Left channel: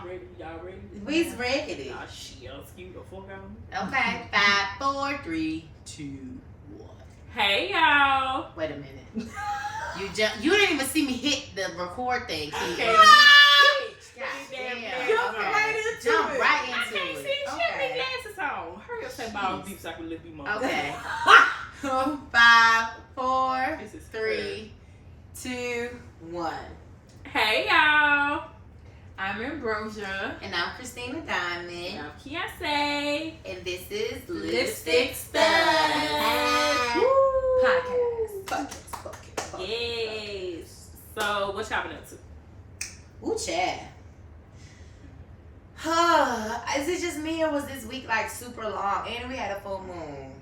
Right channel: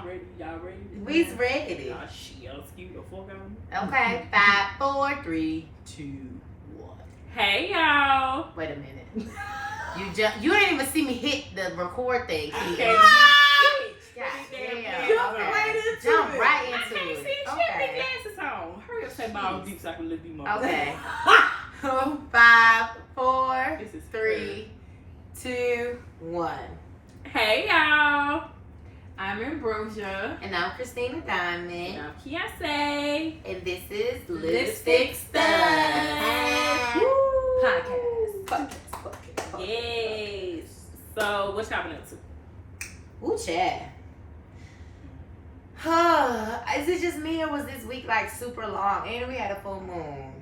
I'm ready. Y'all ready? We's ready. Oh shit, excuse the fuck out. Okay. 5, 4, 3, 2, 1. Hey y'all. Wait a minute. You didn't even see me hit the record thing. Okay. Jump right into I can't it. see shit. My glasses on. Hurry up, say my deep so I can look you more. Okay. 5, 4, This is 3, 2, 1. Hey y'all. I'm Ambrosia. And I'm Christina Diamond. And I'm Kiase. And this is Lipstick Studs. Podcast. Yes. So, what y'all been up to? Ooh, Chad. Is it just me or was this week like super long? And we had a full moon.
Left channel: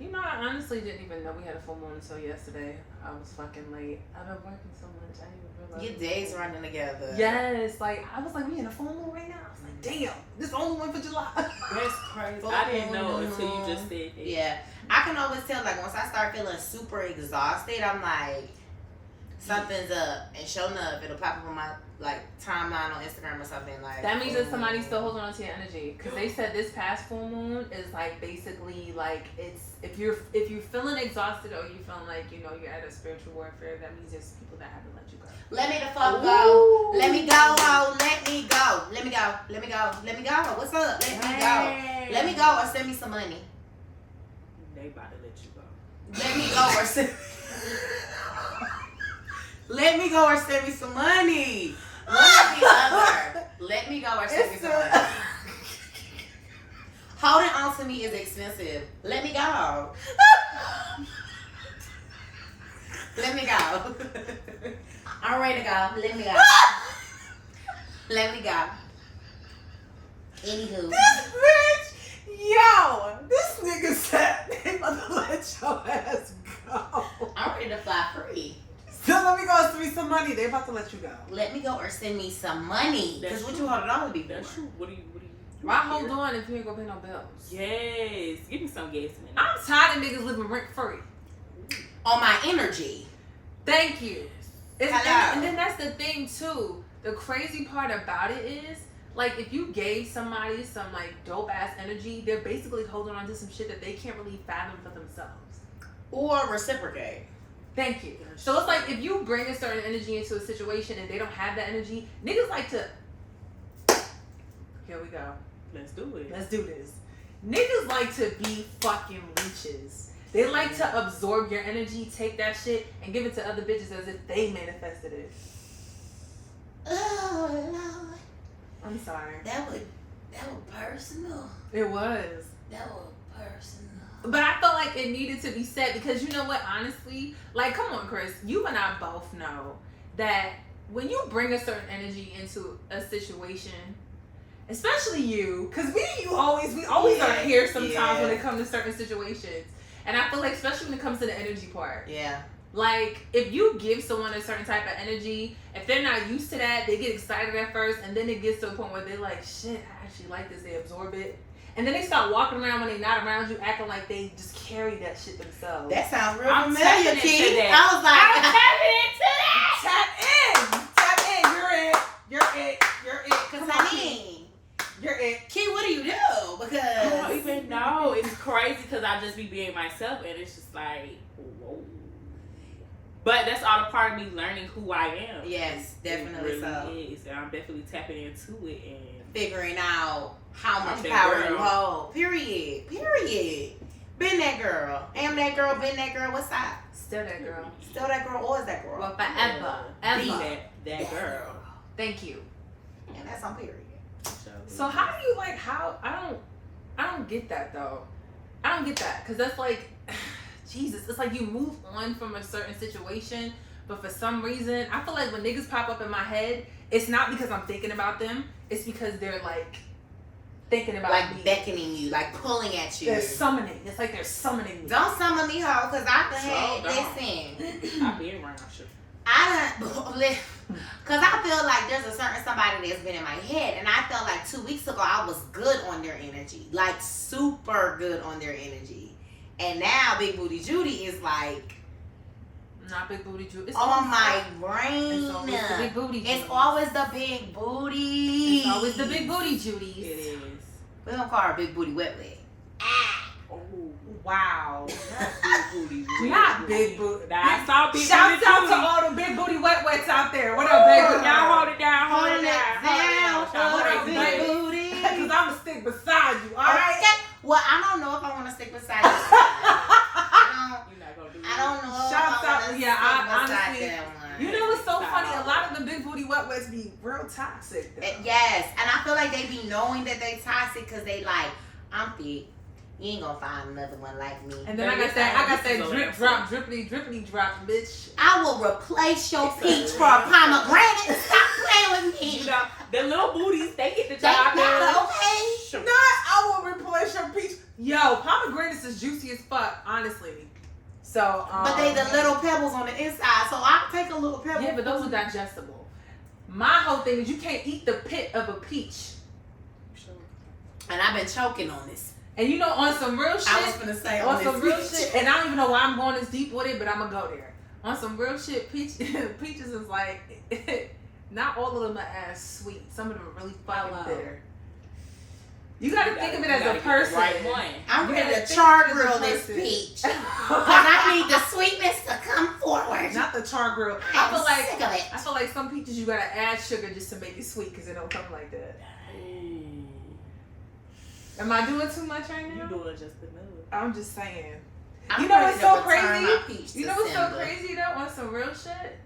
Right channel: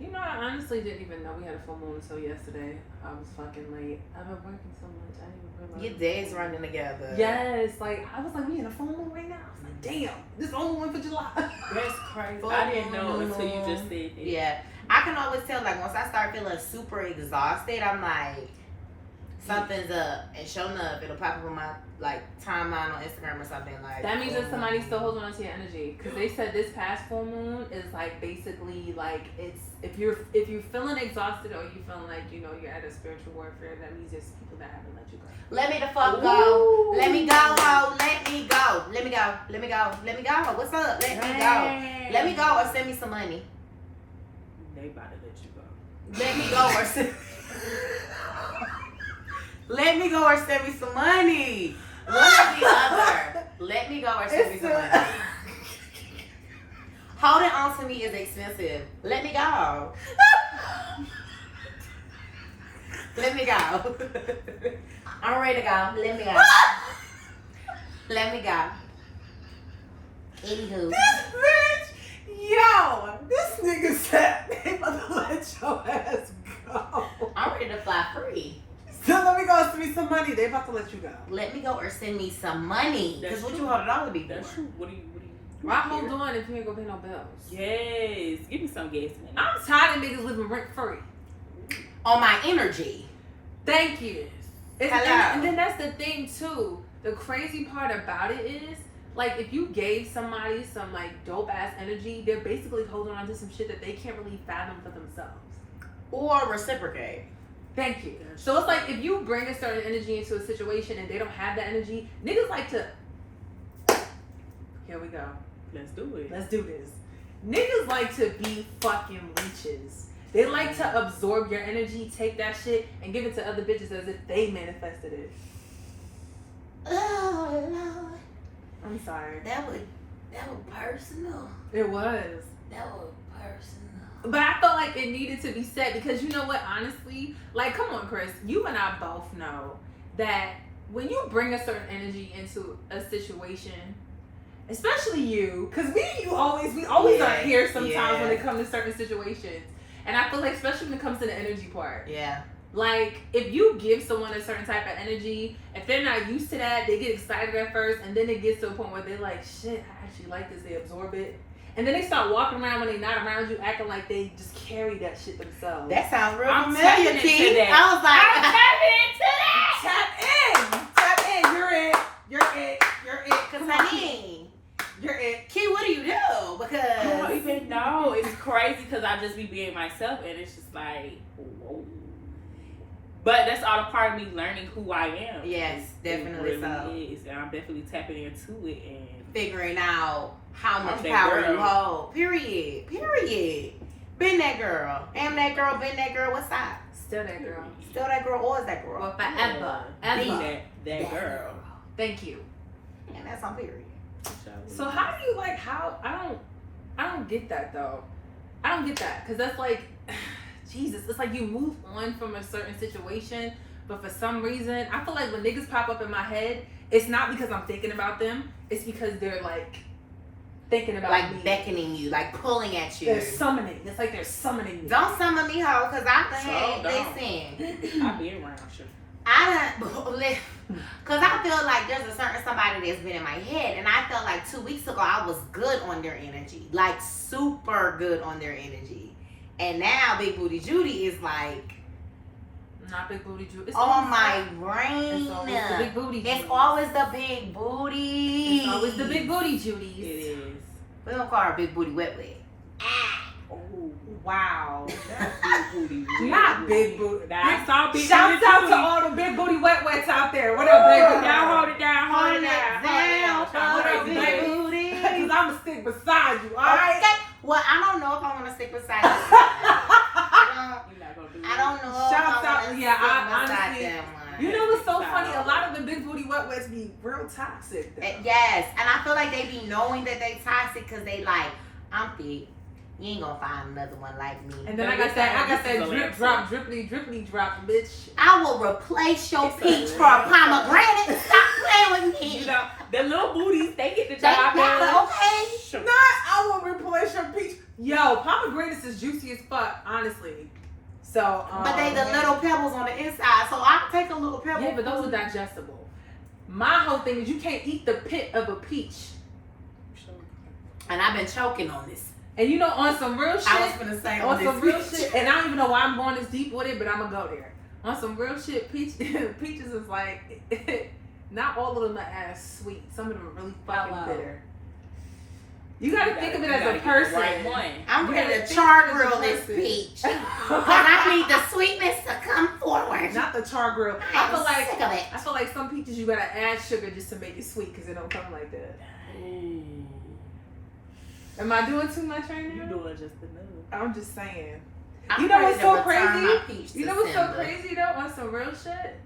You know, I honestly didn't even know we had a full moon until yesterday. I was fucking late. I've been working so much. I didn't even realize. Your days running together. Yes, like I was like, we in a full moon right now. I was like, damn, this only one for July. That's crazy. Full I didn't know moon. until you just said that. Yeah. I can always tell, like, once I start feeling super exhausted, I'm like, something's up. And sure enough, it'll pop up on my, like, timeline on Instagram or something. Like, That means that somebody's still holding on to your energy. Because they said this past full moon is, like, basically, like, it's, if you're feeling exhausted or you feeling like, you know, you're at a spiritual warfare, that means there's people that haven't let you go. Let me the fuck go. Let me go, ho. Let me go. Let me go. Let me go. Let me go. What's up? Let me go. Let me go or send me some money. They about to let you go. Let me go or send. Let me go or send me some money. One or the other. Let me go or send me some money. Holding on to me is expensive. Let me go. Let me go. I'm ready to go. Let me go. Let me go. Anywho. Yo, this nigga said they about to let your ass go. I'm ready to fly free. So let me go and send me some money. They about to let you go. Let me go or send me some money. Because what you hold it on to be for? That's true. What do you Why hold on if you ain't gonna pay no bills? Yes. Give me some gas money. I'm tired of niggas living rent free. On my energy. Thank you. Hello. And then that's the thing too. The crazy part about it is, like, if you gave somebody some like dope ass energy, they're basically holding on to some shit that they can't really fathom for themselves. Or reciprocate. Thank you. So it's like if you bring a certain energy into a situation and they don't have that energy, niggas like to. Here we go. Let's do it. Let's do this. Niggas like to be fucking leeches. They like to absorb your energy, take that shit, and give it to other bitches as if they manifested it. Oh, Lord. I'm sorry. That was personal. It was. That was personal. But I felt like it needed to be said because you know what, honestly? Like, come on, Chris. You and I both know that when you bring a certain energy into a situation, especially you, because we always are here sometimes when it comes to certain situations. And I feel like, especially when it comes to the energy part. Yeah. Like, if you give someone a certain type of energy, if they're not used to that, they get excited at first, and then it gets to a point where they're like, shit, I actually like this. They absorb it. And then they start walking around when they're not around you, acting like they just carry that shit themselves. That sounds real I'm familiar, tapping Key. into that. I was like, Tap in. You're it. because I mean, You're it. Key, what do you do? Because I don't even know. It's crazy because I just be being myself and it's just like, whoa. But that's all a part of me learning who I am. Yes, definitely it so. really is. And I'm definitely tapping into it and figuring out how much I'm that power girl. you hold. Period. Been that girl. Am that girl. Been that girl. What's up? Still that girl. Still that girl or is that girl? Well, forever. Be Ever. that girl. Thank you. And that's on period. So how do you like I don't get that though. I don't get that because that's like Jesus. It's like you move on from a certain situation, but for some reason I feel like when niggas pop up in my head, it's not because I'm thinking about them. It's because they're like thinking about like me. beckoning you, like pulling at you. They're summoning. It's like they're summoning me. Don't summon me, hoe, because I can So listen. I've been around shit. I don't, because I feel like there's a certain somebody that's been in my head, and I felt like 2 weeks ago I was good on their energy, like super good on their energy, and now Big Booty Judy is like Not big booty Judy. It's Oh always my It's brain. always the big booty It's Judies. always the big booty. It's always the big booty It Judies. is. We don't call her big booty wet wet. Oh, Wow. not big booty. Not big booty. That's not big Shouts booty. out to all the big booty wet wets out there. What up, big booty? Y'all hold it down, hold Hold it it down, down, hold it down. hold Big it booty. booty. Because I'm going to stick beside you, all right? Okay. Well, I don't know if I want to stick beside you. You're not gonna do I don't know if Shouts I out- want to yeah, stick I beside honestly- that one. You know what's so funny? A lot of the big booty wet wets be real toxic, though. Yes, and I feel like they be knowing that they toxic because they like, I'm thick. You ain't gonna find another one like me. And then I got that drip drop, drippity drop, bitch. I will replace your It's a peach for a real pomegranate. Stop playing with me. You know, the little booties, they get the They job matter, done. okay? Sure. Not, I will replace your peach. Yo, pomegranates is juicy as fuck, honestly. So, But they the little pebbles on the inside, so I'll take a little pebble. Yeah, but those are digestible. My whole thing is you can't eat the pit of a peach. And I've been choking on this. And you know, on some real shit, I was gonna say on on some this real peach. shit, and I don't even know why I'm going this deep with it, but I'm gonna go there. On some real shit, peaches is like, not all of them are as sweet. Some of them are really fucking Hello. bitter. You gotta think of it as a person. Right one. I'm You ready gotta to think char of it as a grill this person. peach. Because I need the sweetness to come forward. Not the char grill. I I'm feel like sick of it. I feel like some peaches you gotta add sugar just to make it sweet because it don't come like that. Am I doing too much right You now? doing just enough. I'm just saying. I'm You know ready what's to so return crazy? my peach You to know what's so Simba. crazy though? On some real shit.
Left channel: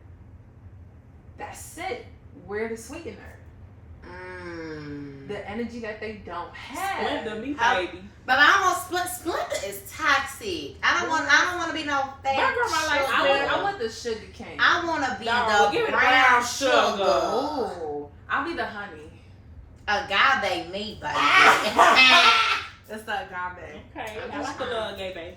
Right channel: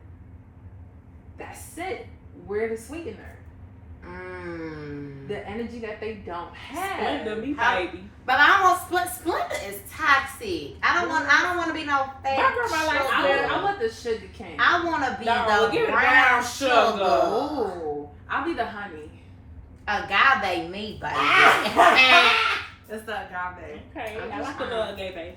That's it. We're the sweetener. The energy that they don't have. Splendor me, How- baby. But I want Splenda is toxic. I don't want to be no fat My grandma likes sugar. I want the sugar cane. I want to be No, the give it brown brown sugar. sugar. Oh, I'll be the honey. Agave me, baby. That's the agave. Okay, I'm I just like a little gay baby.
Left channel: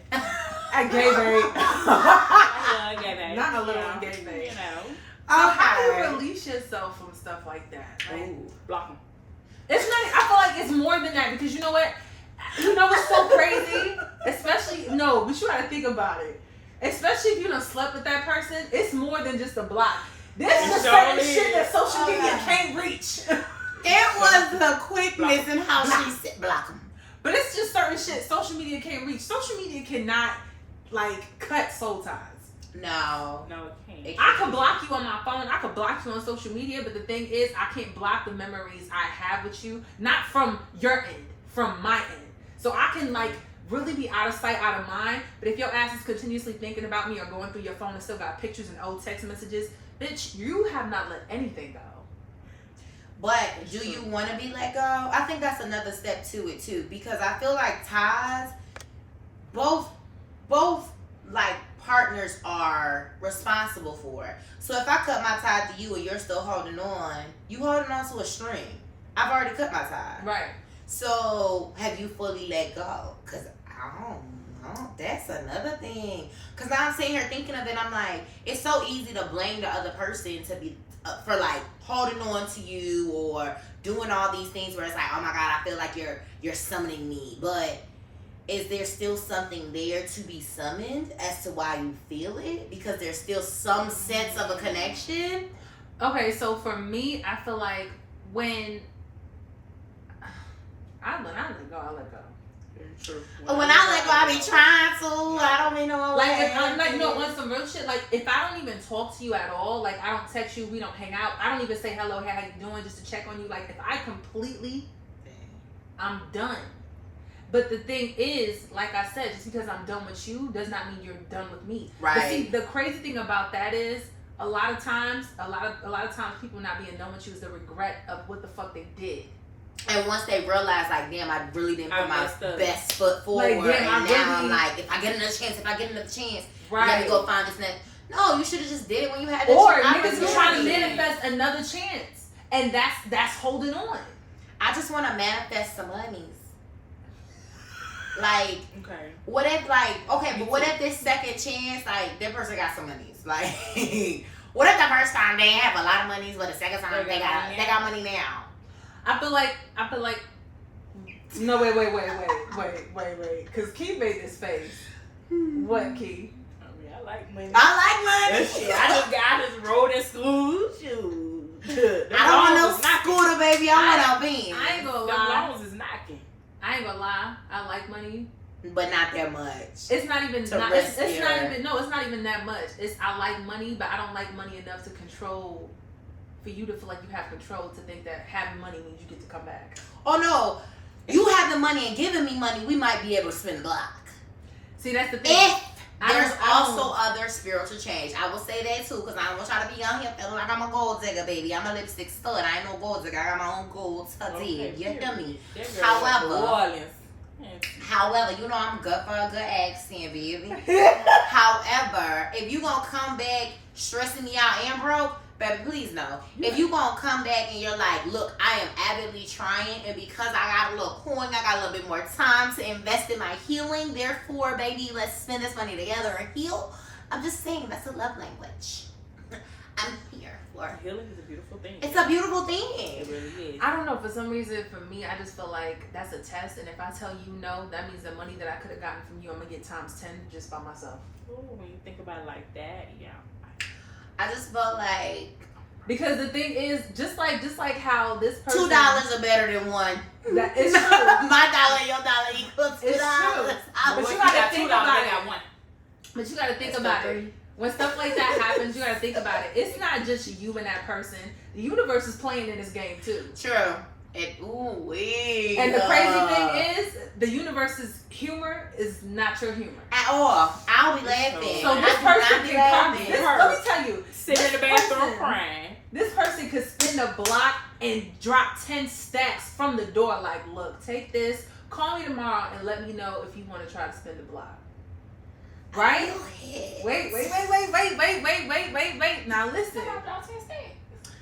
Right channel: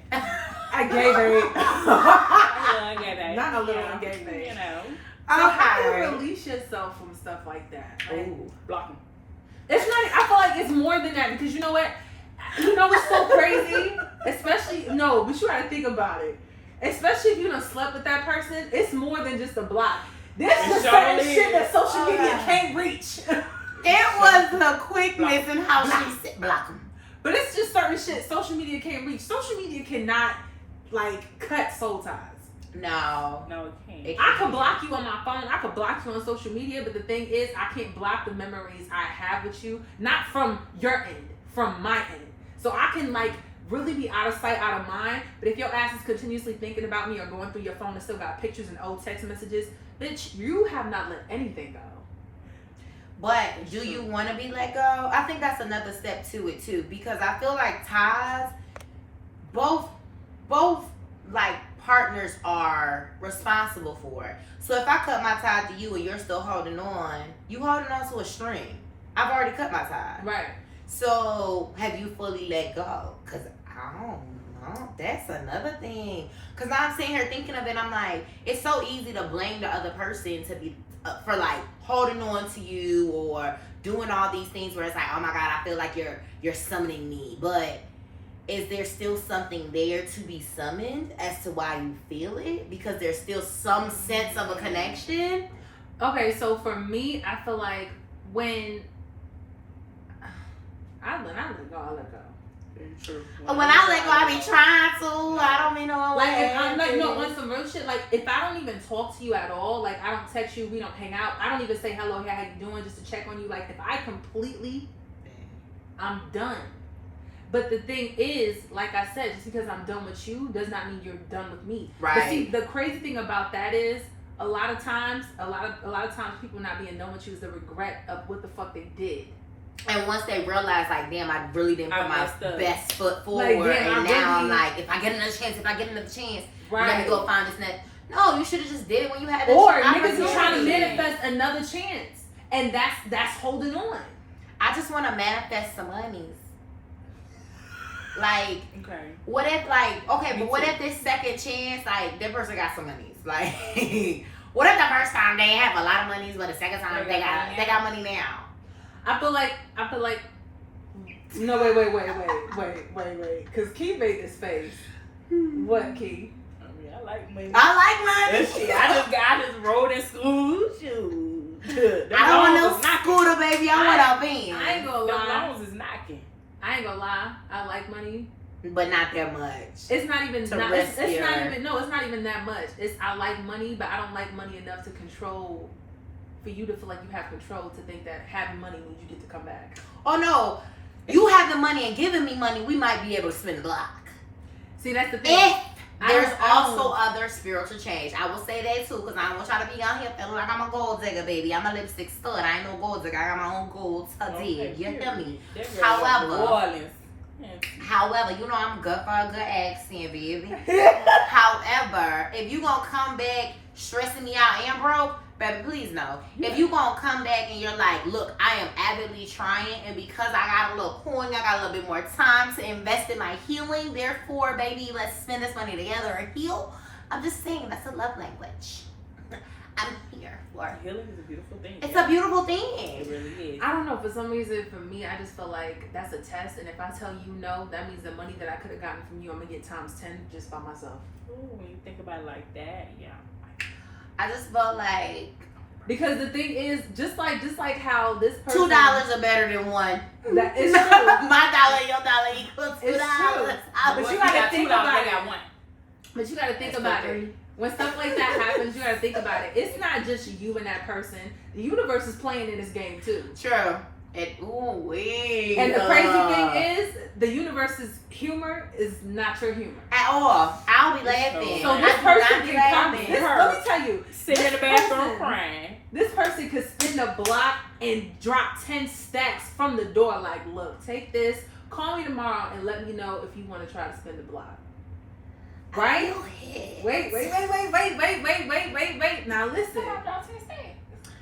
I gave her. I like a little gay baby. Not a little You know, gay baby. You know. So how do Okay. you release yourself from stuff like that? Like, Ooh, block 'em. it's not. I feel like it's more than that because you know what? You know what's so crazy? Especially no, but you gotta think about it. Especially if you done slept with that person, it's more than just a block. There's It just sure certain is. shit that social Oh, media yeah. can't reach. It was the quickness and how she said block 'em. But it's just certain shit social media can't reach. Social media cannot like cut soul ties. No. No, it can't. It I can block you on my phone. I can block you on social media, but the thing is, I can't block the memories I have with you, not from your end, from my end. So I can like really be out of sight, out of mind. But if your ass is continuously thinking about me or going through your phone and still got pictures and old text messages, bitch, you have not let anything go. But do you want to be let go? I think that's another step to it too, because I feel like ties, both like partners are responsible for it. So if I cut my tie to you and you're still holding on, you holding on to a string. I've already cut my tie. Right. So have you fully let go? Cause I don't know. That's another thing. Cause now I'm sitting here thinking of it. I'm like, it's so easy to blame the other person to be for like holding on to you or doing all these things where it's like, oh my God, I feel like you're summoning me. But is there still something there to be summoned as to why you feel it? Because there's still some sense of a connection. Okay, so for me, I feel like when I let go, I let go. Very true. When I let go, I be trying to. I don't mean no Like, way. I'm like, no, on some real shit, like, if I don't even talk to you at all, like, I don't text you, we don't hang out, I don't even say hello, hey, how you doing, just to check on you, like, if I completely, I'm done. But the thing is, like I said, just because I'm done with you does not mean you're done with me. Right. But see, the crazy thing about that is, a lot of times people not being done with you is the regret of what the fuck they did. And once they realize, like, damn, I really didn't put I my messed up. best foot forward, Like, damn, and I now I'm really- like, if I get another chance, Right. let me go find this and that. No, you should have just did it when you had the Or opportunity. niggas is trying to manifest another chance. And that's holding on. I just want to manifest some monies. Like, Okay. what if, like, okay, Me but what too. if this second chance, like, that person got some monies? Like, what if the first time they have a lot of monies, but the second time They they got got money now? I feel like no, wait. Because Key made this face. What, Key? I I like money. I like money. That shit, I just rode in school. Shoot. I don't want no scooter, baby. I want a Benz. I ain't gonna The lie. loans is knocking. I ain't gonna lie. I like money. But not that much. It's not even To not, rest it's your- not even no, it's not even that much. It's I like money, but I don't like money enough to control for you to feel like you have control to think that having money means you get to come back. Oh no. You have the money and giving me money, we might be able to spend the block. See, that's the thing. If there's I don't- also other spiritual change. I will say that too, because I don't want y'all to be out here feeling like I'm a gold digger, baby. I'm a lipstick stud. I ain't no gold digger. I got my own gold to dig. You hear me? However, you know I'm good for a good accent, baby. However, if you gonna come back stressing me out and broke, baby, please no. If you gonna come back and you're like, look, I am avidly trying, and because I got a little coin, I got a little bit more time to invest in my healing. Therefore, baby, let's spend this money together and heal. I'm just saying that's a love language. I'm here for. Healing is a beautiful thing. It's a beautiful It thing. really is. I don't know. For some reason, for me, I just feel like that's a test, and if I tell you no, that means the money that I could have gotten from you, I'm gonna get times 10 just by myself. Ooh, when you think about it like that, yeah. I just felt like Because the thing is, just like how this person $2 are better than one. That is true. My dollar, your dollar equals $2. It's true. I But would- you gotta got think $2, about I it. got one. But you gotta think That's about so it. When stuff like that happens, you gotta think about it. It's not just you and that person. The universe is playing in this game too. True. Wait. And the crazy thing is, the universe's humor is not your humor. At all. I'll be laughing. So I this do person not be can come. laughing. Let me tell you, Sitting in the this bathroom person- crying. This person could spin the block and drop 10 stacks from the door. Like, look, take this. Call me tomorrow and let me know if you want to try to spin the block. Right? Wait. Now listen.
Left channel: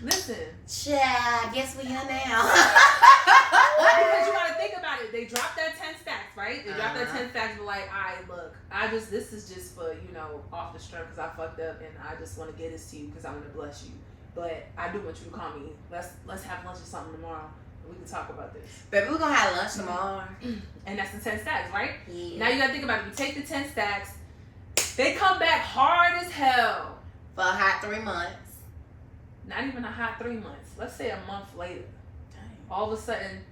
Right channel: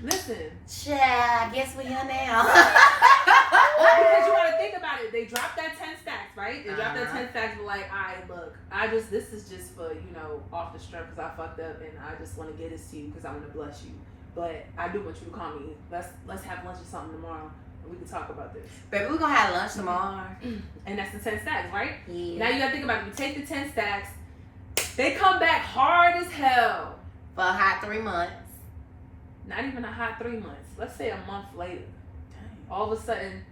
Listen. Child, guess we're here now. Because you gotta think about it. They dropped that 10 stacks, right? They dropped that 10 stacks, but like, alright, look, this is just for, off the strength because I fucked up and I just want to get this to you because I want to bless you. But I do want you to call me. Let's have lunch or something tomorrow and we can talk about this. Baby, we're gonna have lunch tomorrow. And that's the 10 stacks, right? Yeah. Now you gotta think about it. You take the 10 stacks, they come back hard as hell. For a hot 3 months. Not even a hot 3 months. Let's say a month later. All of a sudden,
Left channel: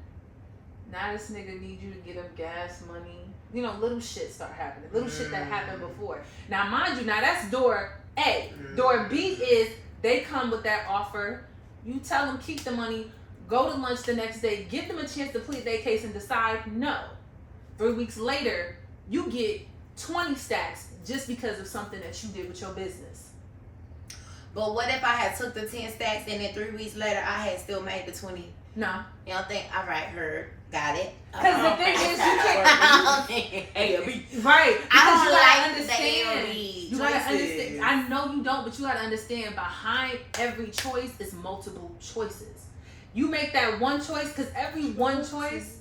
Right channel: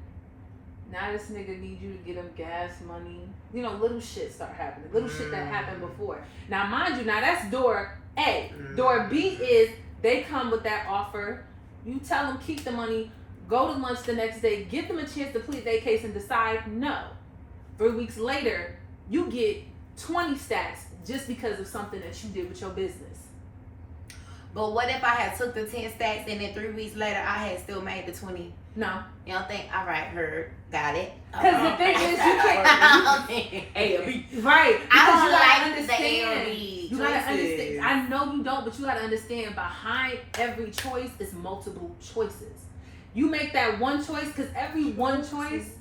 now this nigga need you to get him gas money. Little shit start happening. Little shit that happened before. Now, mind you, that's door A. Door B is they come with that offer. You tell them keep the money, go to lunch the next day, give them a chance to plead their case and decide no. 3 weeks later, you get 20 stacks just because of something that you did with your business. But what if I had took the 10 stacks and then 3 weeks later I had still made the 20? No. You don't think, all right, heard, got it. Because the thing is, you can't. A or B. Right. I Because don't you gotta like the A or B You gotta understand. choices. I know you don't, but you gotta understand behind every choice is multiple choices. You make that one choice because every one choice.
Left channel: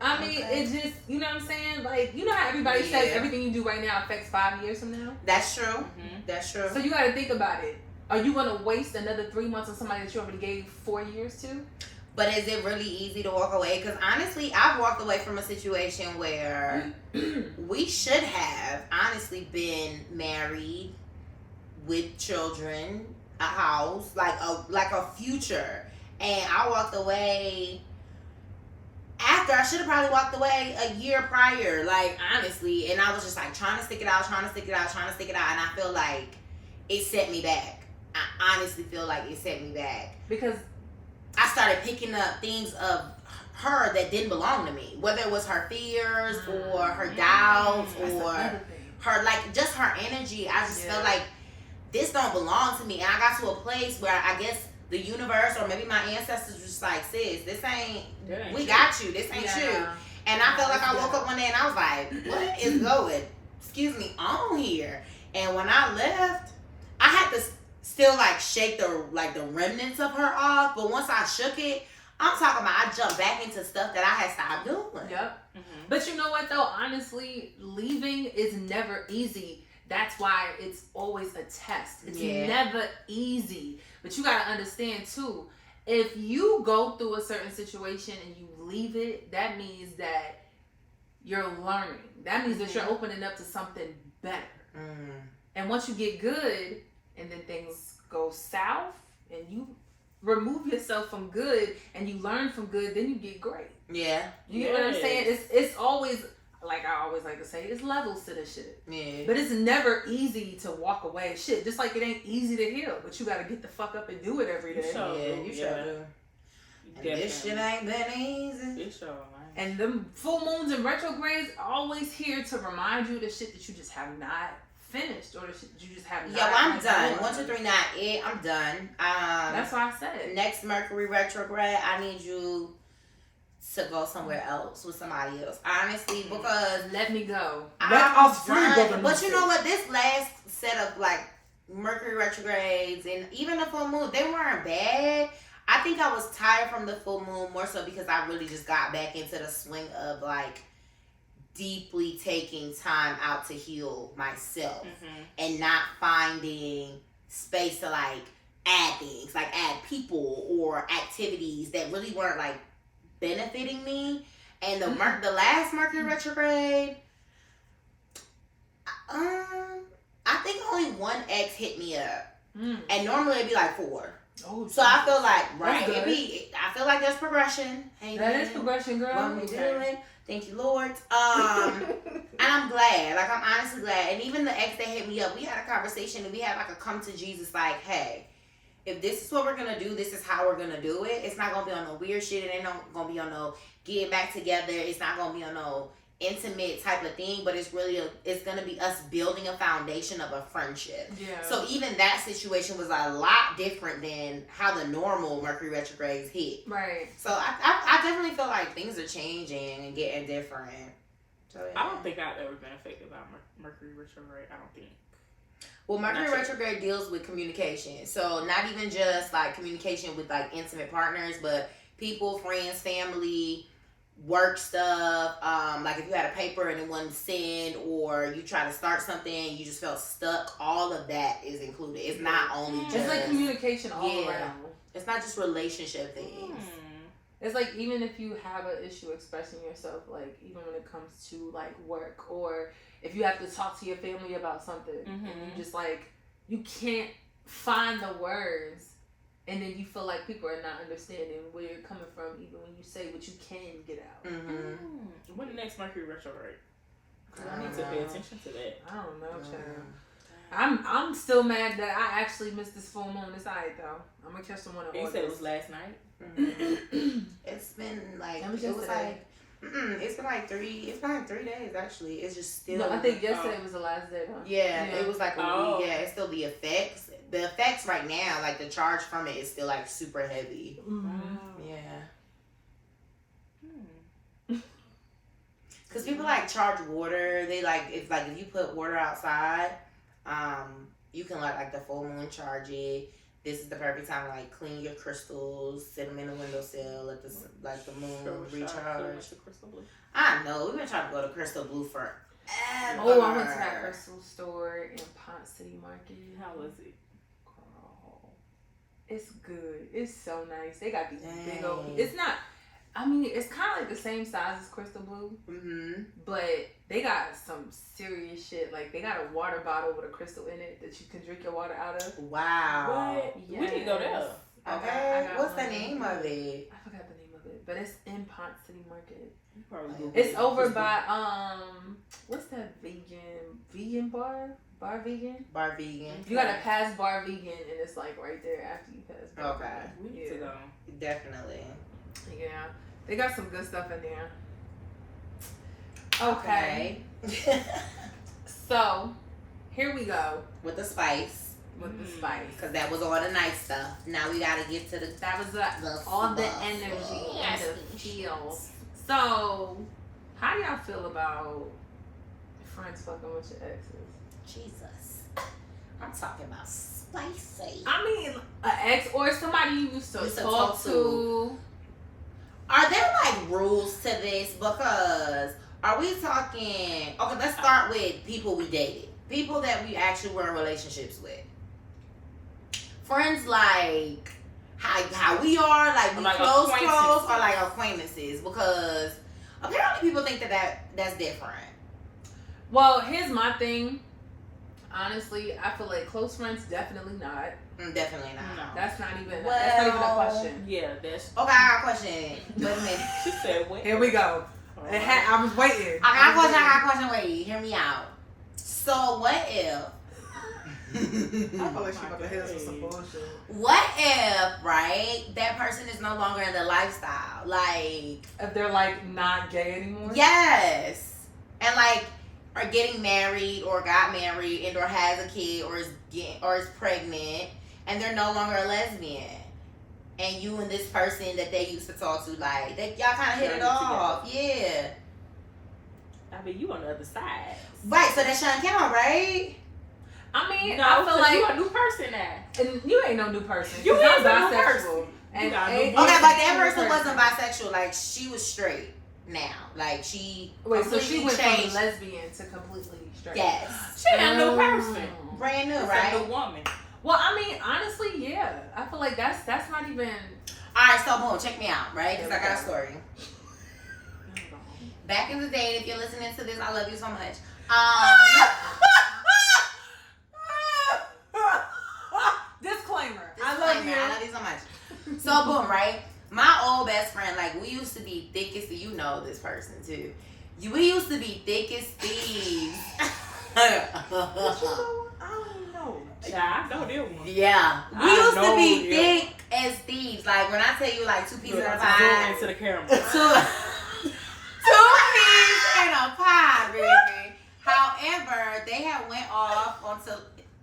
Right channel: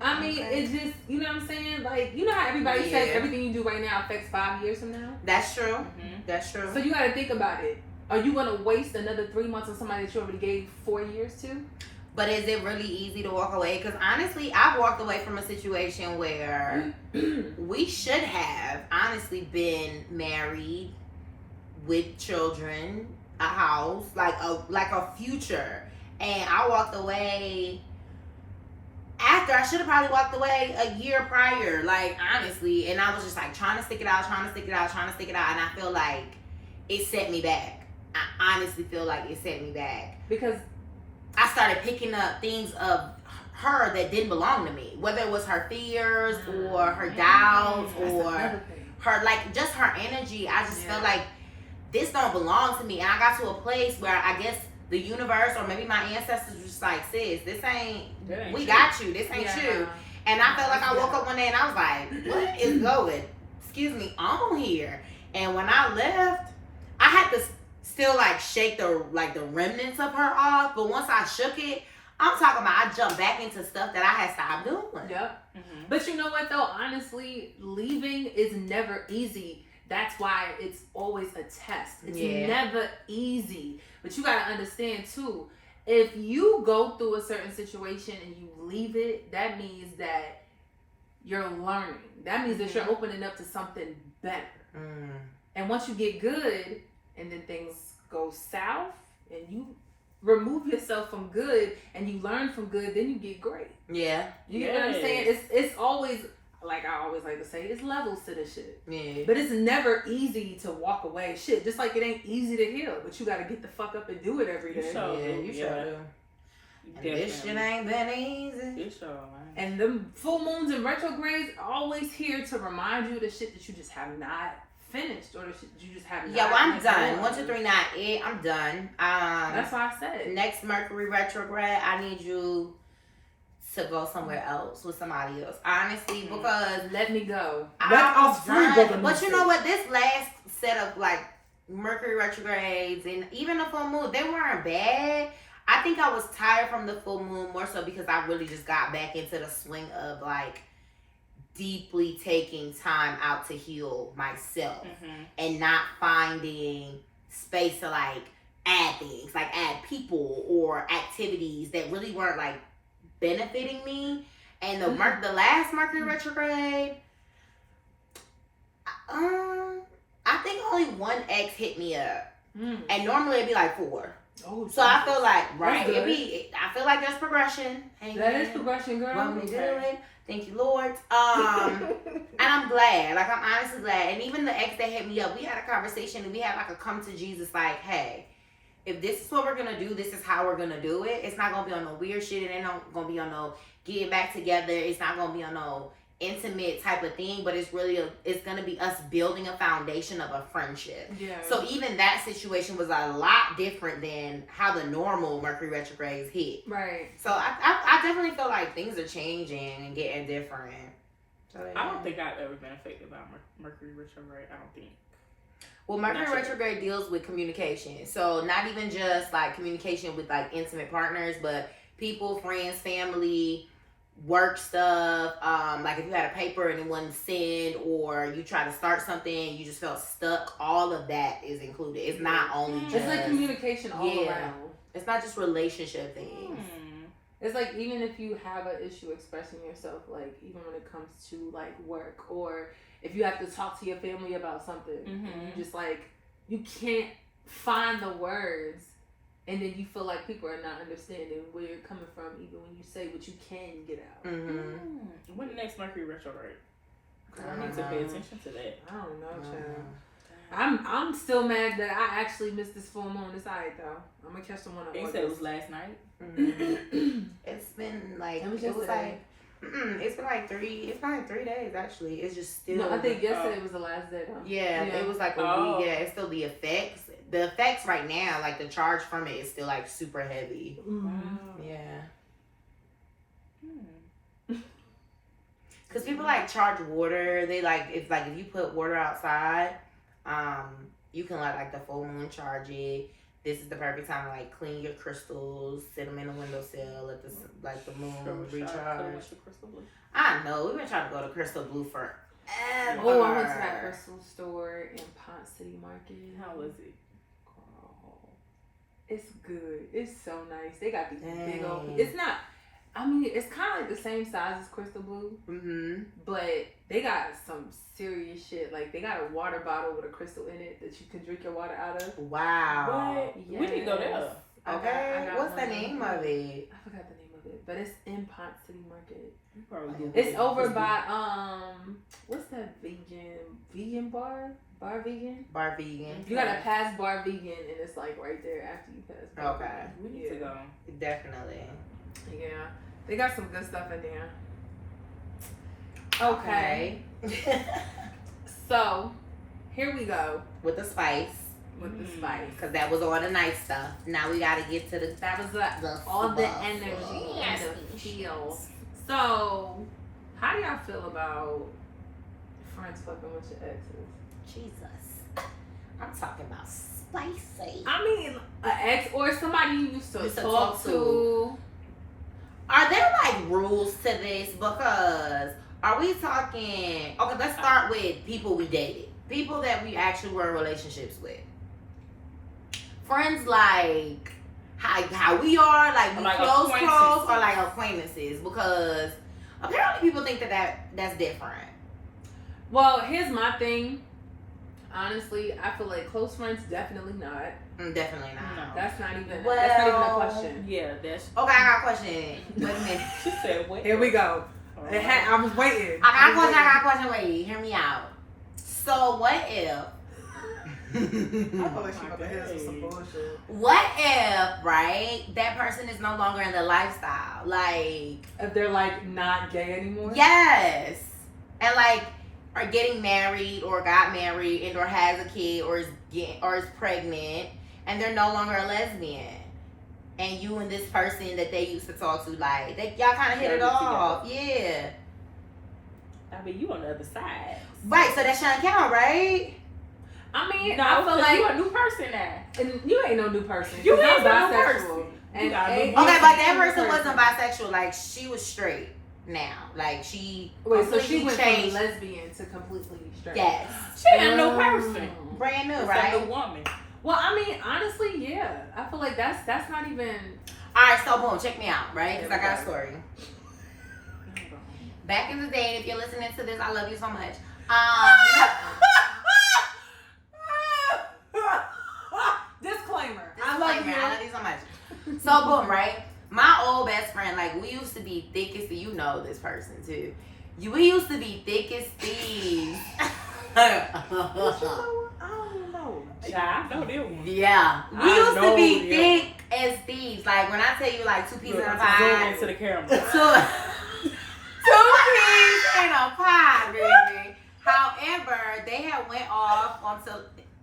I mean, it just, you know what I'm saying? Like, you know how everybody says everything you do right now affects 5 years from now? That's true. That's true. So you gotta think about it. Are you gonna waste another 3 months on somebody that you already gave 4 years to? But is it really easy to walk away? Because honestly, I've walked away from a situation where we should have honestly been married with children, a house, like a future. And I walked away after I should have probably walked away a year prior, like honestly. And I was just like trying to stick it out. And I feel like it set me back. I honestly feel like it set me back. Because I started picking up things of her that didn't belong to me, whether it was her fears or her doubts or her, like, just her energy. I just felt like this don't belong to me. And I got to a place where I guess the universe or maybe my ancestors was just like, sis, this ain't we got you. This ain't you. And I felt like I woke up one day and I was like, what is going, on here? And when I left, I had to still like shake the remnants of her off, but once I shook it, I'm talking about I jumped back into stuff that I had stopped doing. Yep. But you know what though? Honestly, leaving is never easy. That's why it's always a test. It's never easy. But you gotta understand too, if you go through a certain situation and you leave it, that means that you're learning. That means that you're opening up to something better. And once you get good, and then things go south, and you remove yourself from good, and you learn from good, then you get great. Yeah. You know what I'm saying? It's always, like I always like to say, it's levels to this shit. Yeah. But it's never easy to walk away. Shit, just like it ain't easy to heal, but you got to get the fuck up and do it every day. You sure do. And this shit ain't been easy. It sure ain't. And the full moons and retrogrades are always here to remind you of the shit that you just have not finished, or the shit that you just have not. Yeah, well, I'm done. 1, 2, 3, not it. I'm done. That's why I said. Next Mercury retrograde, I need you to go somewhere else with somebody else. Honestly, because let me go. I'm done. But you know what? This last set of like Mercury retrogrades and even the full moon, they weren't bad. I think I was tired from the full moon more so because I really just got back into the swing of like deeply taking time out to heal myself and not finding space to like add things, like add people or activities that really weren't like benefiting me. And the last Mercury retrograde, I think only one ex hit me up, and normally it'd be like 4. Oh, so I feel like I feel like there's progression. Hey, that is progression, girl. What we doing? Thank you, Lord. And I'm glad. Like, I'm honestly glad. And even the ex that hit me up, we had a conversation and we had like a come to Jesus, like, hey, if this is what we're gonna do, this is how we're gonna do it. It's not gonna be on no weird shit. It ain't gonna be on no getting back together. It's not gonna be on no intimate type of thing, but it's gonna be us building a foundation of a friendship. Yeah. So even that situation was a lot different than how the normal Mercury retrogrades hit. Right. So I definitely feel like things are changing and getting different. So, yeah. I don't think I've ever been affected by Mercury retrograde. I don't think. Well, Mercury retrograde deals with communication. So not even just like communication with like intimate partners, but people, friends, family, work stuff. Like if you had a paper and it wasn't sent, or you try to start something, you just felt stuck. All of that is included. It's not only just. It's like communication all around. It's not just relationship things. It's like even if you have an issue expressing yourself, like even when it comes to like work, or if you have to talk to your family about something, and you just like you can't find the words. And then you feel like people are not understanding where you're coming from, even when you say what you can get out. When the next Mercury retrograde? I need to pay attention to that. I don't know, child. I'm still mad that I actually missed this full moon. It's alright though. I'm gonna catch the one on You said it was last night. It's been like it's been like 3 days actually. It's just still. No, I think yesterday was the last day. Huh? Yeah, it was like a week. Yeah, it's still the effects. The effects right now, like the charge from it is still like super heavy. Yeah. Cause people like charge water. They like if you put water outside, you can let like the full moon charge it. This is the perfect time to like clean your crystals, sit them in the windowsill, let the moon recharge. I know we've been trying to go to Crystal Blue forever. Oh, I went to that crystal store in Pont City Market. How was it? It's good. It's so nice. They got these big old. It's not. I mean, it's kind of like the same size as Crystal Blue, but they got some serious shit. Like they got a water bottle with a crystal in it that you can drink your water out of. Wow. What? Yes. We need to go there. Okay. What's the name of it? I forgot the name of it, but it's in Pont City Market. It's over by what's that vegan bar? Bar Vegan? Bar Vegan. You gotta pass Bar Vegan, and it's like right there after you pass Bar Vegan. We need to go. Definitely. Yeah. They got some good stuff in there. Okay. So, here we go. With the spice. With the spice. Because that was all the nice stuff. Now we gotta get to the... That was all the energy and the feel. So, how do y'all feel about friends fucking with your exes? Jesus. I'm talking about spicy. I mean, an ex or somebody you used to talk to. Are there like rules to this? Because are we talking... Okay, let's start with people we dated. People that we actually were in relationships with. Friends like how we are, like we like close, or like acquaintances. Because apparently people think that's different. Well, here's my thing. honestly, I feel like close friends, definitely not. Definitely not. No. That's not even. Well, that's not even a question. Yeah, that's. Okay, I got a question. Wait a minute. She said, "Wait." Here we go. I was waiting. I got a question. Wait, hear me out. So what if? I feel like she about to hit us with some bullshit. What if, right, that person is no longer in the lifestyle? Like, If they're like not gay anymore. yes. And like are getting married or got married and or has a kid or is pregnant and they're no longer a lesbian. And you and this person that they used to talk to, like, y'all kind of hit it off. Yeah. I mean, you on the other side. Right, so that shouldn't count, right? I mean, No, I feel like you a new person now. and you ain't no new person. You 'cause is I'm a new person. bisexual. And You got a new ain't- person. Okay, but that ain't no person wasn't bisexual. Like, she was straight now. Like, she Wait, so completely she went changed. from lesbian to completely straight. Yes. She a new person. Brand new, It's right? a new woman. Well, I mean, honestly, yeah. I feel like that's not even. All right, so boom, check me out, right? Because I got a story. Oh, Back in the day, if you're listening to this, I love you so much. Disclaimer. I love you so much. So boom, right? My old best friend, like, we used to be thick as you know this person too. We used to be thick as thieves. I don't know. I know them one. Yeah, we I used to know be them. thick as thieves. Like, when I tell you, like, two peas in a Zoom pie, into the camera. two peas in a pie, baby. However, they had went off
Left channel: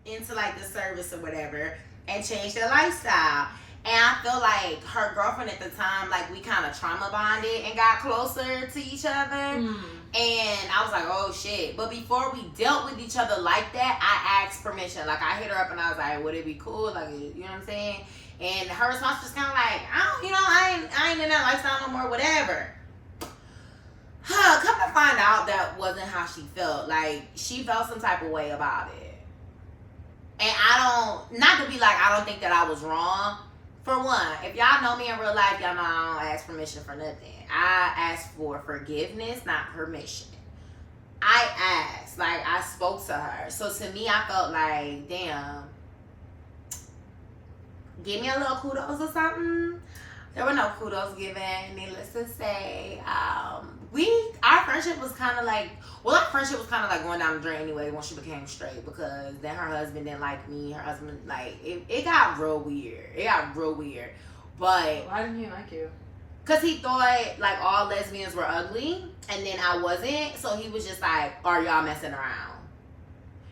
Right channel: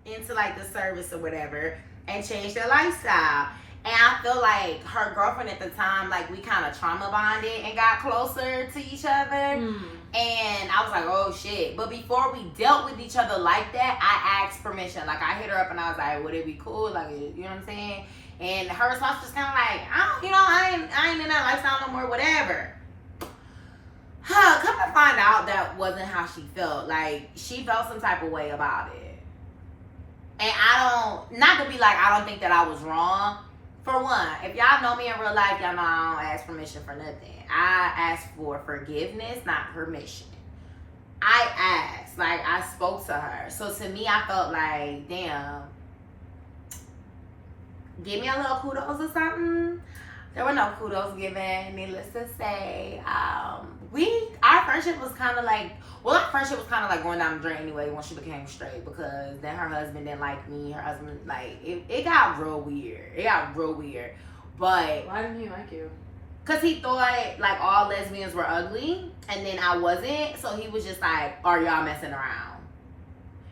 into like the service or whatever and changed their lifestyle. And I feel like her girlfriend at the time, like, we kind of trauma bonded and got closer to each other. And I was like, oh shit. But before we dealt with each other like that, I asked permission. Like, I hit her up and I was like, would it be cool? Like, you know what I'm saying? And her response was kind of like, I ain't in that lifestyle no more, whatever. Come to find out, that wasn't how she felt. Like, she felt some type of way about it. And not to be like, I don't think that I was wrong. For one, if y'all know me in real life, y'all know I don't ask permission for nothing. I ask for forgiveness, not permission. I asked, like, I spoke to her. So to me, I felt like, damn, give me a little kudos or something. There were no kudos given. Needless to say, our friendship was kind of like, our friendship was kind of like going down the drain anyway once she became straight, because then her husband didn't like me. Her husband, like, it got real weird. But Why didn't he like you? because he thought, like, all lesbians were ugly, and then I wasn't. So he was just like, are y'all messing around?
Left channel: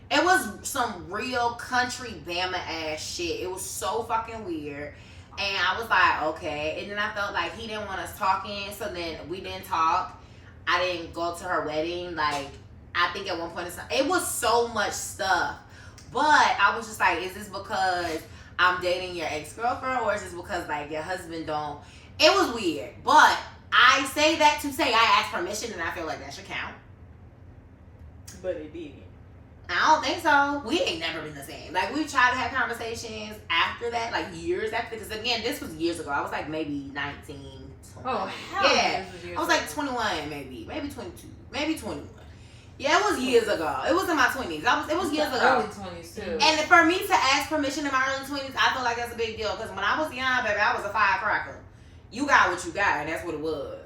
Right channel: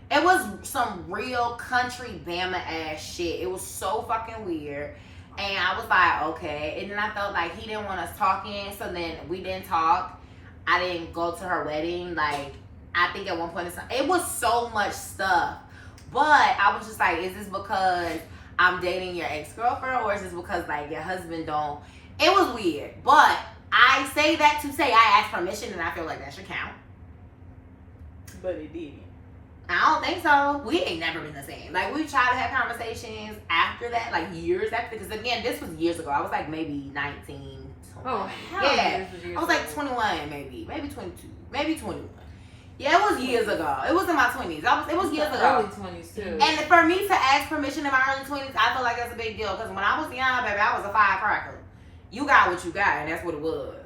It was some real country Bama ass shit. It was so fucking weird. And I was like, okay. And then I felt like he didn't want us talking. So then we didn't talk. I didn't go to her wedding. Like, I think at one point it was so much stuff. But I was just like, is this because I'm dating your ex-girlfriend? Or is this because, like, your husband don't? It was weird. But I say that to say I asked permission, and I feel like that should count. But it didn't. I don't think so. We ain't never been the same. Like, we tried to have conversations after that, like, years after. Because, again, this was years ago. I was, like, maybe 19. 20. Oh, hell yeah. this was years I was, like, ago. 21, maybe 22, maybe 21. Yeah, it was years ago. It was in my 20s. It was years ago. Early 20s, too. And for me to ask permission in my early 20s, I feel like that's a big deal. Because when I was young, baby, I was a firecracker. You got what you got, and that's what it was.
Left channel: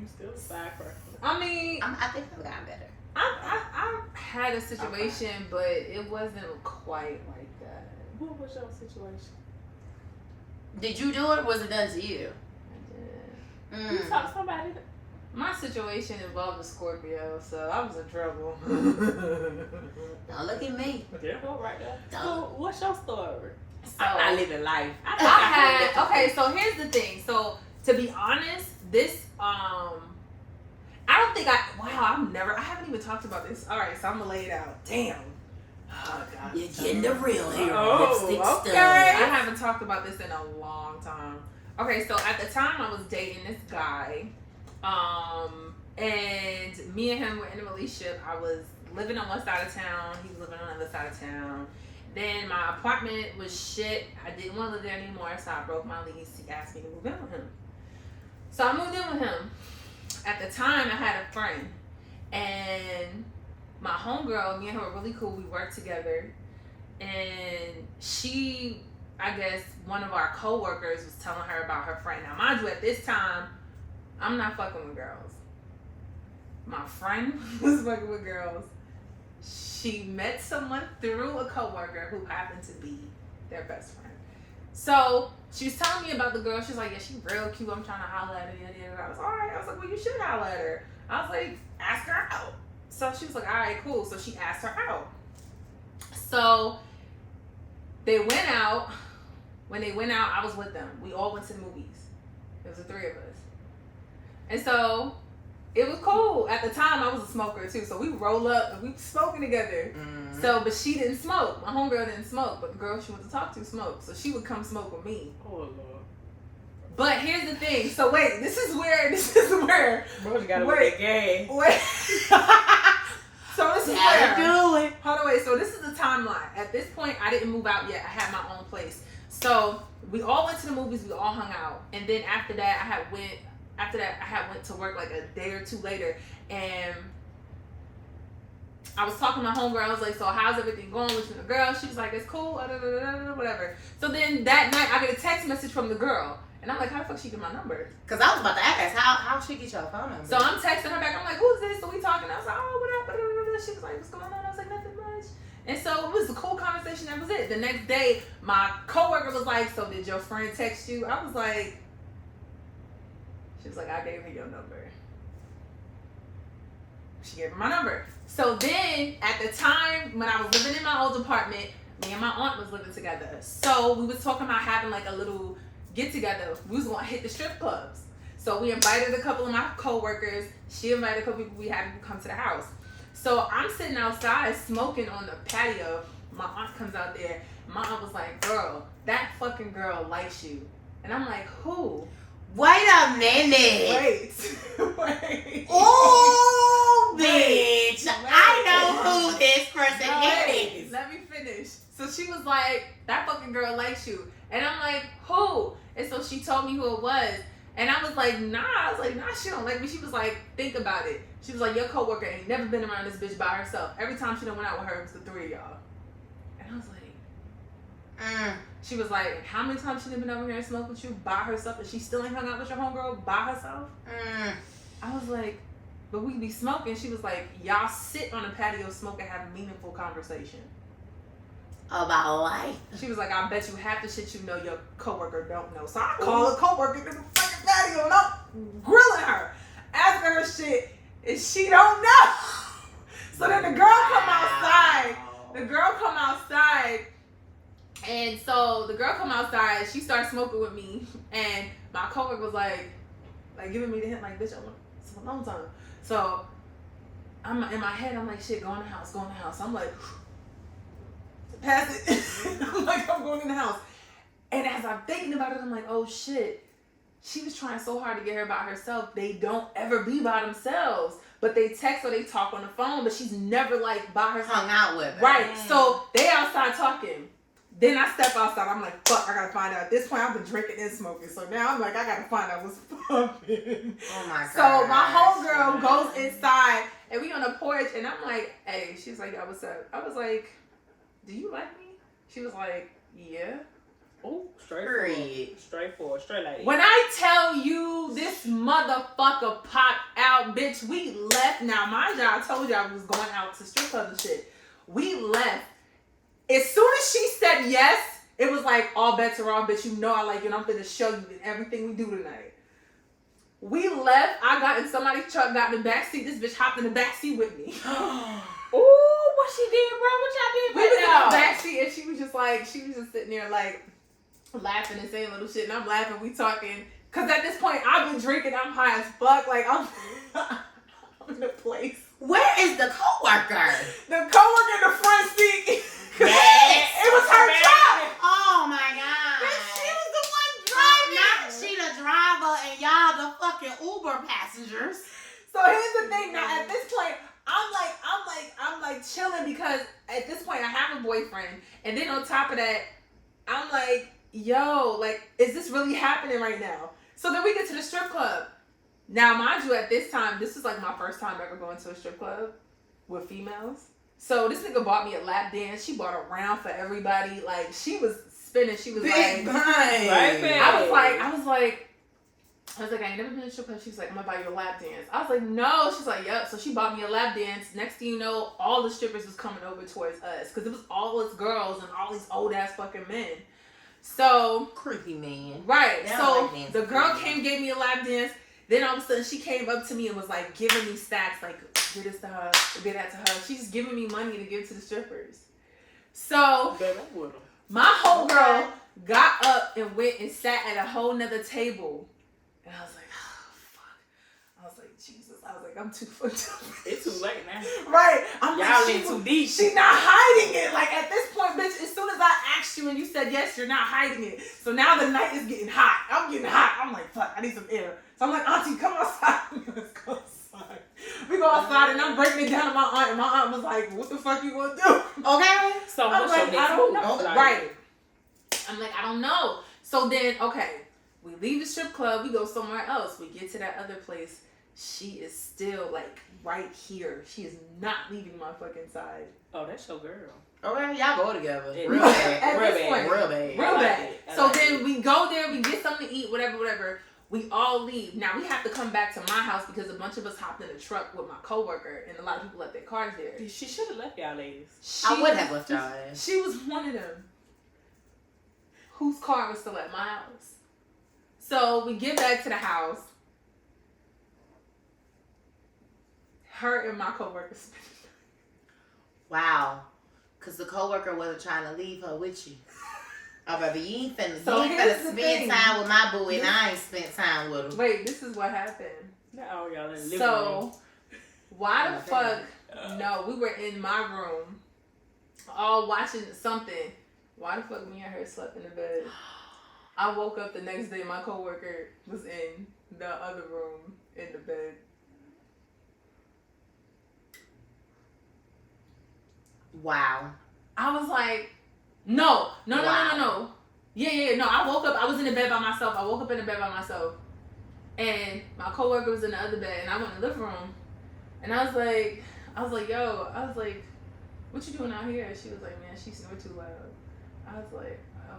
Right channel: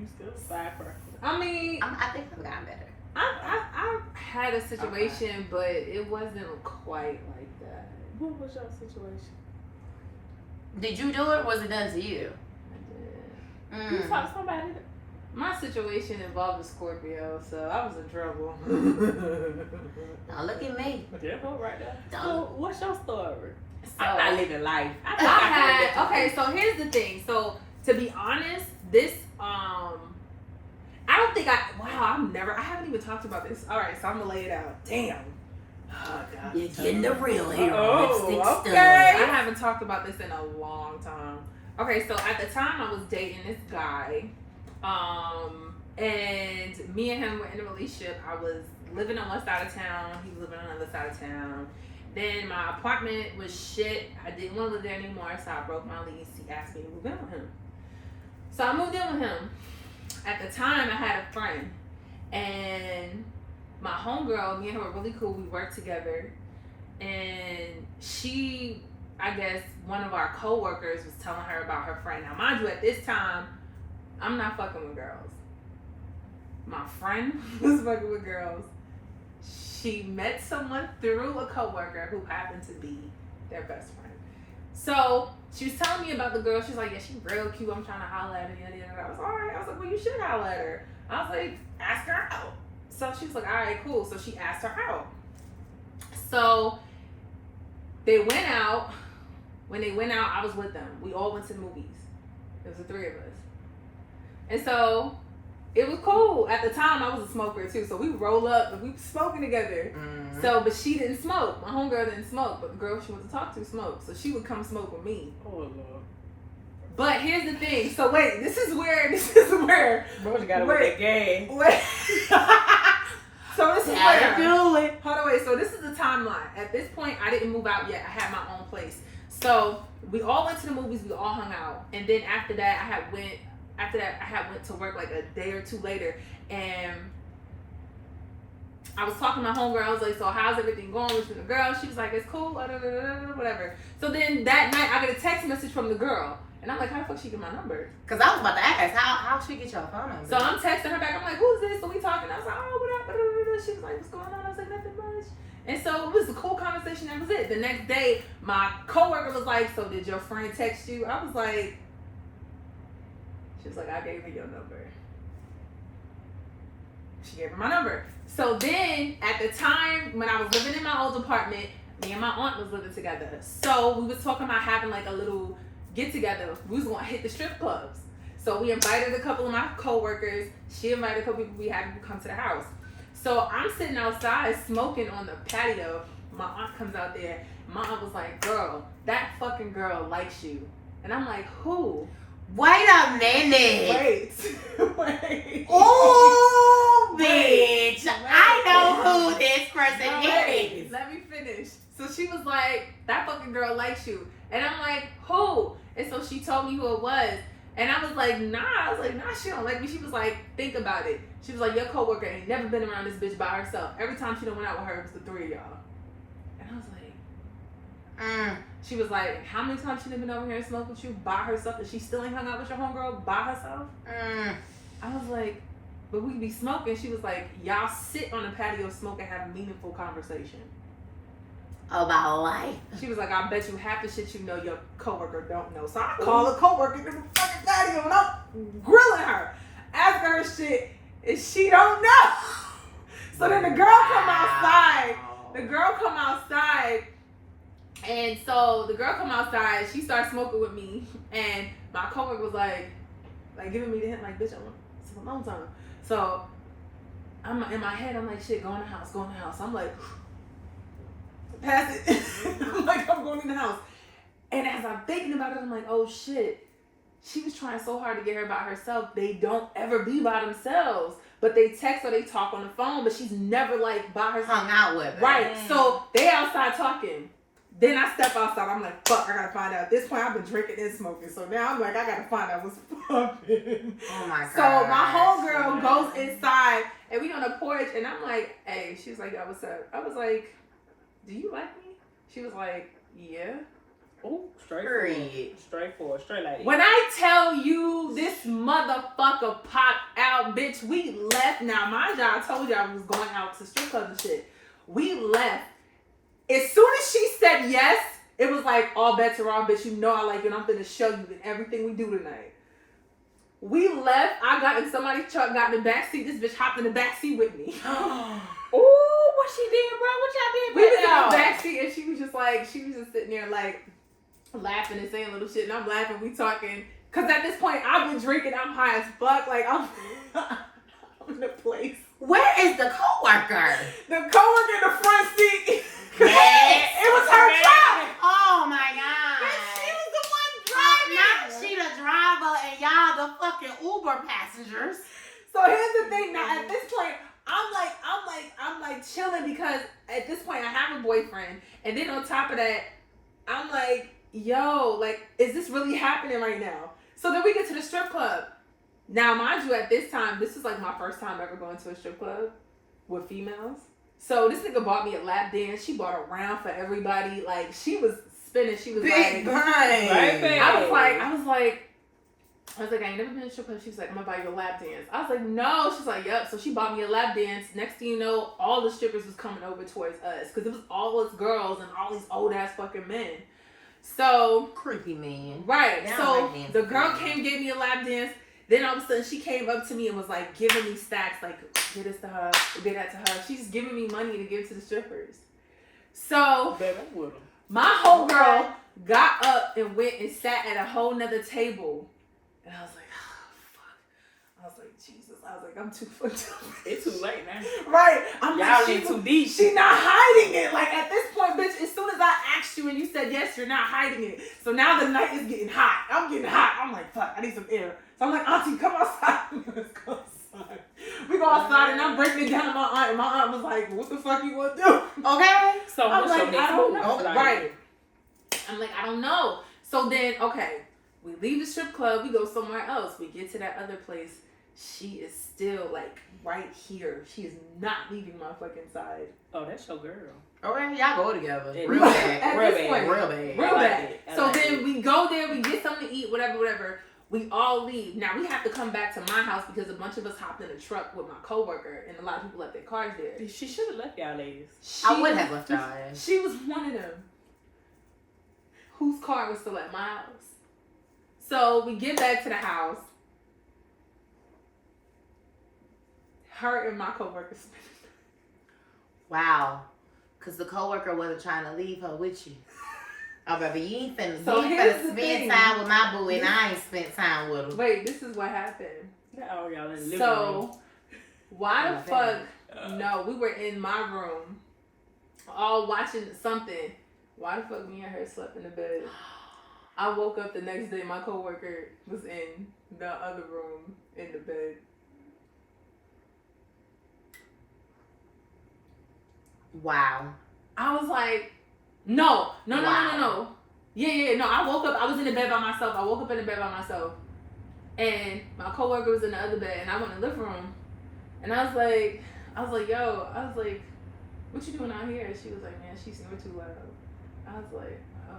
You still firecracker. I mean, I think I've gotten better. I had a situation, but it wasn't quite like that. What was your situation? Did you do it, or was it done to you? I did. You talk to somebody. My situation involved a Scorpio, so I was in trouble. Now look at me. There go right there. Don't. So, what's your story? So, I'm not living life. I had, okay, so here's the thing. So, to be honest, this, I don't think I haven't even talked about this. All right, so I'm gonna lay it out. Damn. Oh, God. You're getting the real here. Oh, Lipstick okay. stud. I haven't talked about this in a long time. Okay, so at the time I was dating this guy, and me and him were in a relationship. I was living on one side of town, he was living on the other side of town. Then my apartment was shit. I didn't want to live there anymore, so I broke my lease. He asked me to move in with him. So I moved in with him. At the time, I had a friend, and my homegirl, me and her were really cool. We worked together. And she, I guess, one of our coworkers was telling her about her friend. Now, mind you, at this time, I'm not fucking with girls. My friend was fucking with girls. She met someone through a coworker who happened to be their best friend. So she was telling me about the girl. She's like, yeah, she's real cute. I'm trying to holler at her. I was all right. I was like, well, you should holler at her. I was like, ask her out. So she was like, all right, cool. So she asked her out. So they went out. When they went out, I was with them. We all went to the movies. It was the three of us. And so it was cool. At the time, I was a smoker too. So we roll up and we were smoking together. Mm-hmm. So, but she didn't smoke. My homegirl didn't smoke. But the girl she wanted to talk to smoked. So she would come smoke with me. Oh, Lord. But here's the thing. So wait, this is where. Bro, you gotta wait that game. Wait. So this is where. Do it. Hold on, wait. So this is the timeline. At this point, I didn't move out yet. I had my own place. So we all went to the movies. We all hung out. And then after that, I had went to work like a day or two later. And I was talking to my homegirl. I was like, so how's everything going with you and the girl? She was like, it's cool, whatever. So then that night, I get a text message from the girl. And I'm like, how the fuck she get my number? Because I was about to ask, how she get your phone number? So I'm texting her back. I'm like, who's this? So we talking. I was like, oh, what up? She was like, what's going on? I was like, nothing much. And so it was a cool conversation. That was it. The next day, my coworker was like, so did your friend text you? I was like, she was like, I gave her your number. She gave her my number. So then, at the time, when I was living in my old apartment, me and my aunt was living together. So we was talking about having like a little get together. We was gonna hit the strip clubs. So we invited a couple of my coworkers. She invited a couple people we had to come to the house. So I'm sitting outside smoking on the patio. My aunt comes out there. My aunt was like, girl, that fucking girl likes you. And I'm like, who? Wait a minute. Wait. Oh, bitch. I know who this person is. Let me finish. So she was like, that fucking girl likes you. And I'm like, who? And so she told me who it was. And I was like, nah. I was like, nah, she don't like me. She was like, think about it. She was like, your coworker ain't never been around this bitch by herself. Every time she done went out with her, it was the three of y'all. And I was like, She was like, how many times she done been over here and smoked with you by herself? And she still ain't hung out with your homegirl by herself? I was like, but we be smoking. She was like, y'all sit on the patio, smoke, and have a meaningful conversation. About life. She was like, I bet you half the shit you know your coworker don't know. So I call a coworker to the fucking patio and I'm grilling her, asking her shit, and she don't know. So then the girl come outside. And so the girl come outside, she started smoking with me, and my coworker was like giving me the hint, like, bitch, I want some alone time. So I'm in my head, I'm like, shit, go in the house. I'm like, pass it. I'm like, I'm going in the house. And as I'm thinking about it, I'm like, oh shit. She was trying so hard to get her by herself. They don't ever be by themselves. But they text or they talk on the phone, but she's never like by herself. Hung out with her. Right. So they outside talking. Then I step outside. I'm like, fuck, I gotta find out. At this point, I've been drinking and smoking. So now I'm like, I gotta find out what's popping. Oh my God. So my homegirl goes inside and we on the porch and I'm like, hey, she's like, yo, what's up? I was like, do you like me? She was like, yeah. Oh, straight lady. When I tell you this motherfucker popped out, bitch, we left. Now, mind you, I told you I was going out to strip clubs and shit. We left. As soon as she said yes, it was like, all bets are off, bitch. You know I like you and I'm finna show you in everything we do tonight. We left. I got in somebody's truck, got in the back seat. This bitch hopped in the back seat with me. Ooh, what she did, bro? What y'all did? We was in the back seat and she was just sitting there like laughing and saying little shit and I'm laughing, we talking. Cause at this point I've been drinking, I'm high as fuck, like I'm in the place. Where is the coworker? The coworker in the front seat. Yes. It was her job. Oh my God. And she was the one driving. Now she the driver and y'all the fucking Uber passengers. So here's the thing. Now at this point, I'm like chilling because at this point I have a boyfriend, and then on top of that, I'm like, yo, like, is this really happening right now? So then we get to the strip club. Now, mind you, at this time, this is like my first time ever going to a strip club. with females. So this nigga bought me a lap dance. She bought a round for everybody. Like she was spinning. She was Big like, bang. I was like, I ain't never been to a strip club. She's like, I'm gonna buy you a lap dance. I was like, no. She's like, yep. So she bought me a lap dance. Next thing you know, all the strippers was coming over towards us because it was all us girls and all these old ass fucking men. So Creepy man. right. That So lap dance the is girl creepy. came, gave me a lap dance. Then all of a sudden she came up to me and was like giving me stacks, like get this to her, get that to her. She's giving me money to give to the strippers. So Baby, I'm with 'em. my whole girl got up and went and sat at a whole nother table. And I was like, oh, fuck. I was like, Jesus. I was like, I'm too fucked up. It's too late now. Right. I'm Y'all like, in too deep. She not hiding it. Like at this point, bitch, as soon as I asked you and you said yes, you're not hiding it. So now the night is getting hot. I'm getting hot. I'm like, fuck, I need some air. So I'm like, Auntie, come outside. Let's go outside. We go outside and I'm breaking it down to my aunt. And my aunt was like, what the fuck you want to do? Okay. So I'm what's like, your next I don't move? know. Like, Right. I'm like, I don't know. So then, okay, we leave the strip club. We go somewhere else. We get to that other place. She is still like right here. She is not leaving my fucking side. Oh, that's your girl. Okay, y'all go together. Yeah. Real bad. At Real this bad. point, Real bad. real I like bad. it. I So like then it. we go there, we get something to eat, whatever. We all leave. Now we have to come back to my house because a bunch of us hopped in a truck with my coworker and a lot of people left their cars there. She should have left y'all ladies. I would have left y'all ass. She was one of them whose car was still at my house. So we get back to the house. Her and my coworker spent. Wow. Because the coworker wasn't trying to leave her with you. Oh, baby, you ain't finna, So you ain't here's finna the spend thing. time with my boo, and I ain't spent time with him. Wait, this is what happened. Not all y'all in the living room. So, why the Oh, fuck? damn. No, we were in my room, all watching something. Why the fuck me and her slept in the bed? I woke up the next day. My coworker was in the other room in the bed. Wow. I was like, no. Wow. Yeah. No, I woke up. I was in the bed by myself. I woke up in the bed by myself. And my coworker was in the other bed. And I went in the living room. And I was like, yo. I was like, what you doing out here? And she was like, man, she snored too loud. I was like, oh.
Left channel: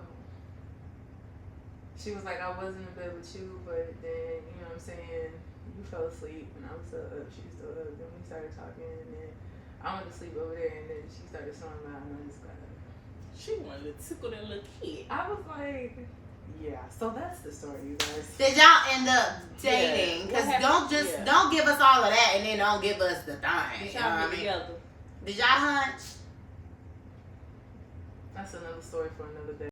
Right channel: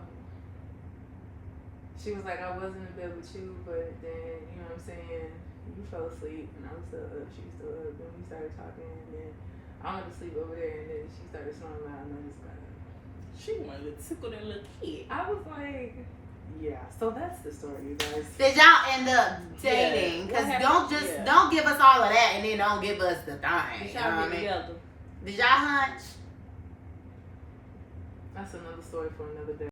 She was like, I was in the bed with you, but then, you know what I'm saying, you fell asleep. And I was still up. She was still up. Then we started talking. And then I went to sleep over there. And then she started snoring loud. And I just got up. She wanted to tickle that little kid. I was like, yeah. So that's the story, you guys. Did y'all end up dating? Yeah. Because What don't happened? don't give us all of that and then don't give us the thing. Did You know y'all what I get mean? together? Did y'all hunch? That's another story for another day.